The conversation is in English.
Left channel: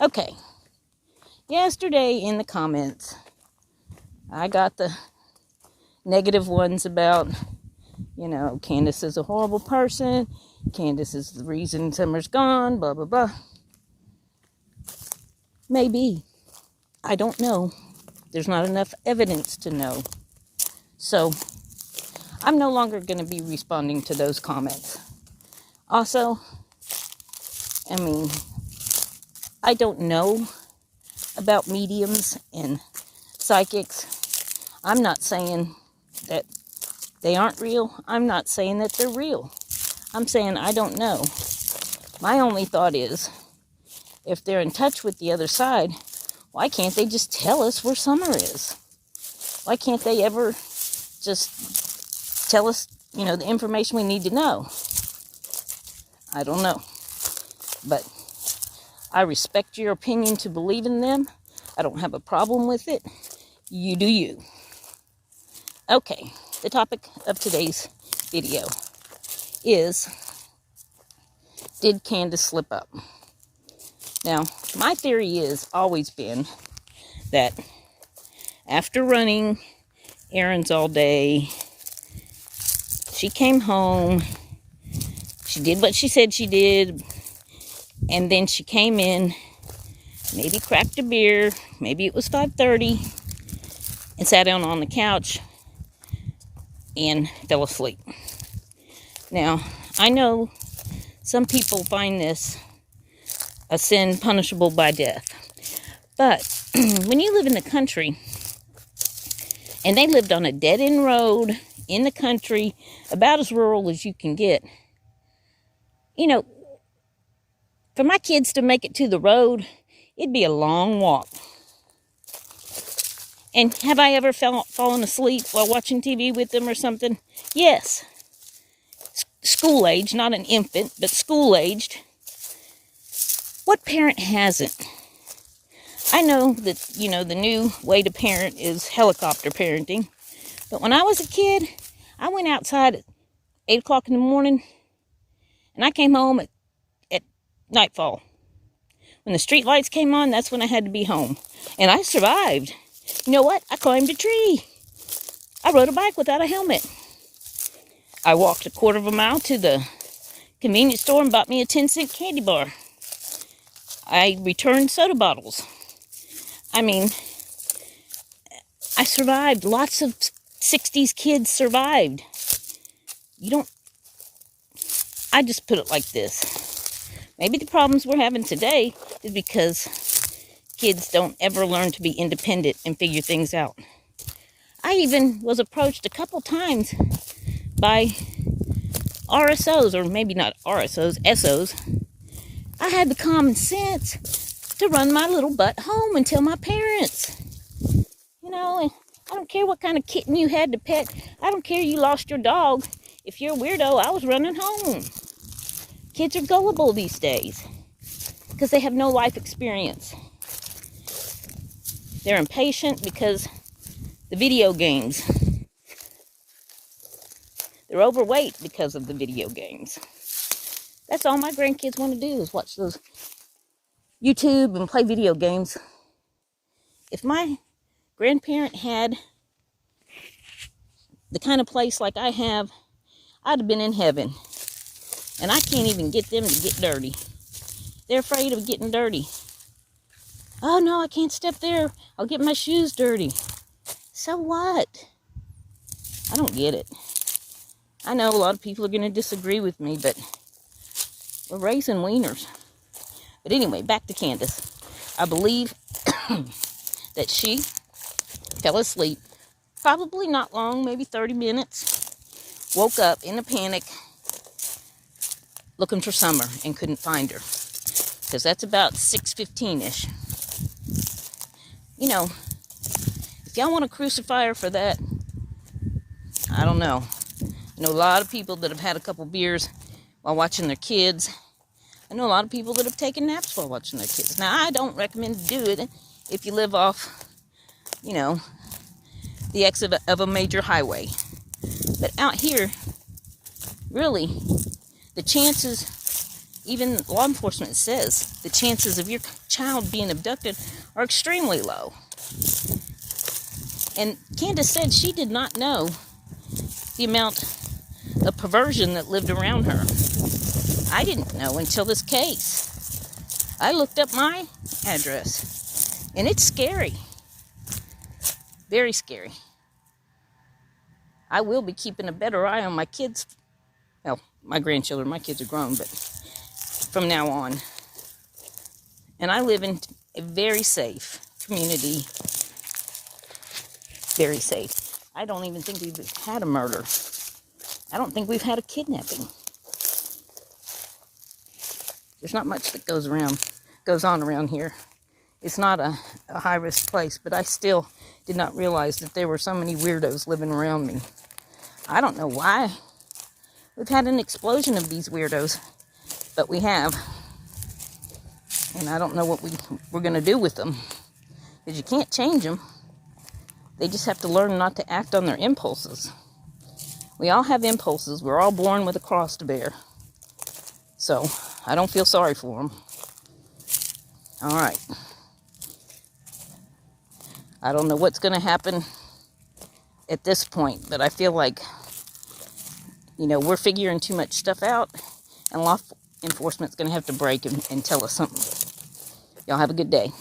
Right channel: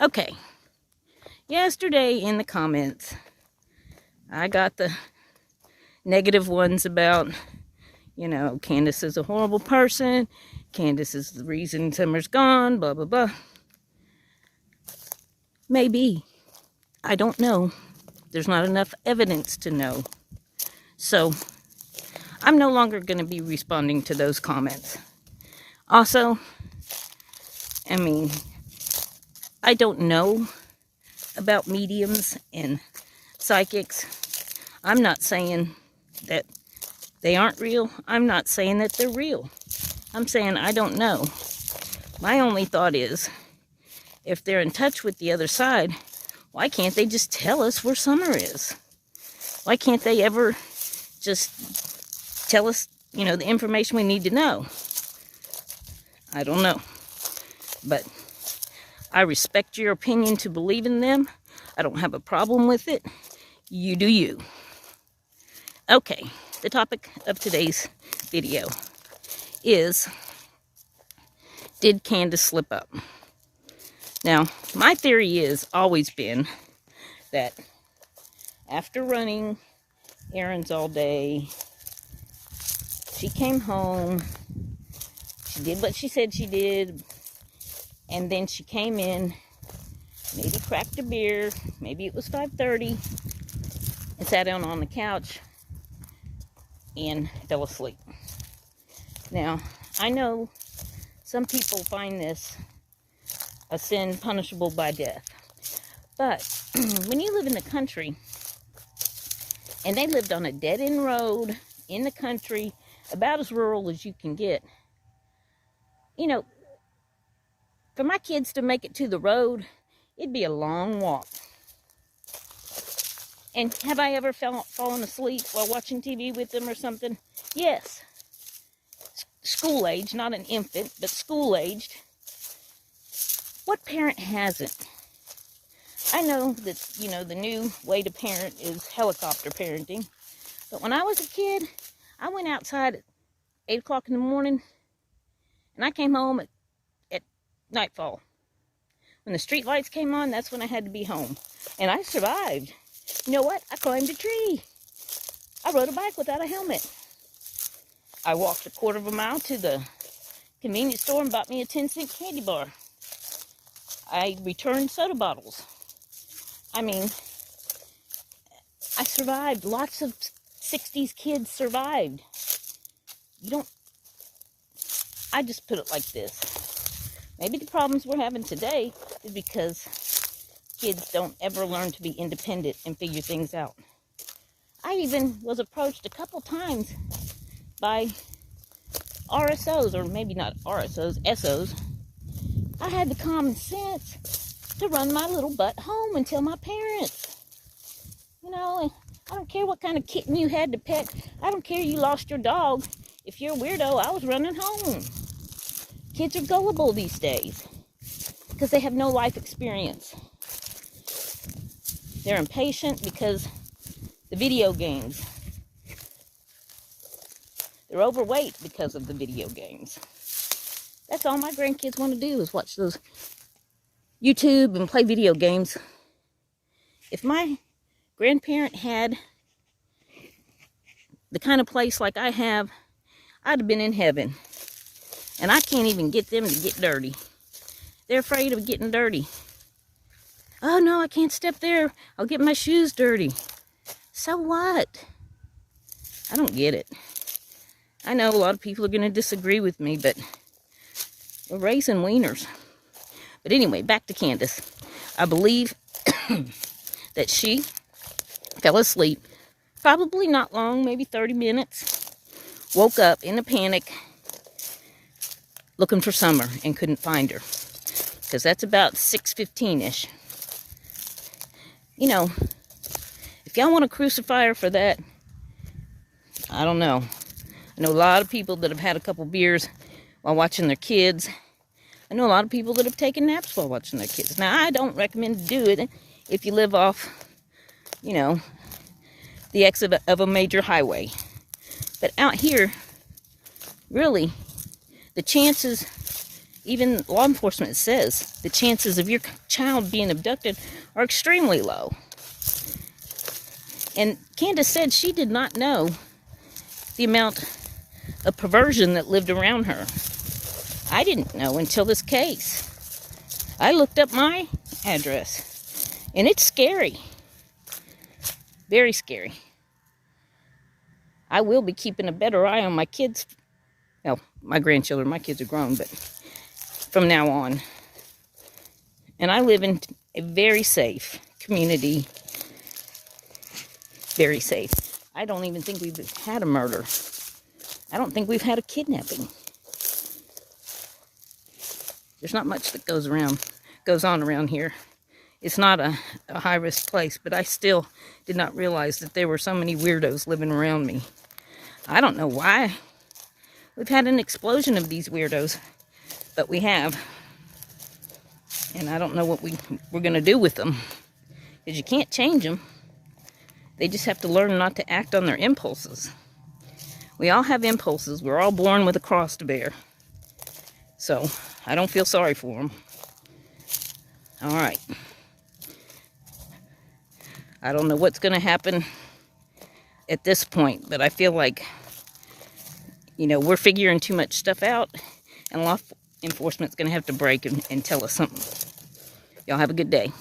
Okay, yesterday in the comments, I got the negative ones about, Candus is a horrible person. Candus is the reason Summer's gone, blah, blah, blah. Maybe. I don't know. There's not enough evidence to know. So, I'm no longer going to be responding to those comments. Also, I don't know about mediums and psychics. I'm not saying that they aren't real. I'm not saying that they're real. I'm saying I don't know. My only thought is, if they're in touch with the other side, why can't they just tell us where Summer is? Why can't they ever just tell us, the information we need to know? I don't know. But I respect your opinion to believe in them. I don't have a problem with it. You do you. Okay, the topic of today's video is, did Candus slip up? Now, my theory is always been that after running errands all day, she came home, she did what she said she did, and then she came in, maybe cracked a beer, maybe it was 5:30, and sat down on the couch and fell asleep. Now, I know some people find this a sin punishable by death. But when you live in the country, and they lived on a dead-end road in the country, about as rural as you can get, for my kids to make it to the road, it'd be a long walk. And have I ever fallen asleep while watching TV with them or something? Yes. School-aged, not an infant, but school-aged. What parent hasn't? I know that, the new way to parent is helicopter parenting. But when I was a kid, I went outside at 8 o'clock in the morning, and I came home at nightfall. When the street lights came on, that's when I had to be home. And I survived. You know what? I climbed a tree. I rode a bike without a helmet. I walked a quarter of a mile to the convenience store and bought me a 10-cent candy bar. I returned soda bottles. I survived. Lots of 60s kids survived. I just put it like this. Maybe the problems we're having today is because kids don't ever learn to be independent and figure things out. I even was approached a couple times by RSOs, or maybe not RSOs, SOs. I had the common sense to run my little butt home and tell my parents. I don't care what kind of kitten you had to pet. I don't care you lost your dog. If you're a weirdo, I was running home. Kids are gullible these days because they have no life experience. They're impatient because the video games. They're overweight because of the video games. That's all my grandkids want to do is watch those YouTube and play video games. If my grandparent had the kind of place like I have, I'd have been in heaven. And I can't even get them to get dirty. They're afraid of getting dirty. Oh no, I can't step there. I'll get my shoes dirty. So what? I don't get it. I know a lot of people are going to disagree with me, but we're raising wieners. But anyway, back to Candus. I believe that she fell asleep, probably not long, maybe 30 minutes, woke up in a panic, looking for Summer, and couldn't find her. Because that's about 6:15-ish. If y'all want to crucify her for that, I don't know. I know a lot of people that have had a couple beers while watching their kids. I know a lot of people that have taken naps while watching their kids. Now, I don't recommend to do it if you live off, the exit of a major highway. But out here, really, the chances Even law enforcement says the chances of your child being abducted are extremely low. And Candus said she did not know the amount of perversion that lived around her. I didn't know until this case. I looked up my address, and it's scary. Very scary. I will be keeping a better eye on my kids. Well, my grandchildren. My kids are grown, but from now on. And I live in a very safe community. Very safe. I don't even think we've had a murder. I don't think we've had a kidnapping. There's not much that goes on around here. It's not a high-risk place, but I still did not realize that there were so many weirdos living around me. I don't know why. We've had an explosion of these weirdos, but we have. And I don't know what we're going to do with them, because you can't change them. They just have to learn not to act on their impulses. We all have impulses. We're all born with a cross to bear. So, I don't feel sorry for them. All right. I don't know what's going to happen at this point, but I feel like, we're figuring too much stuff out, and law enforcement's going to have to break and tell us something. Y'all have a good day.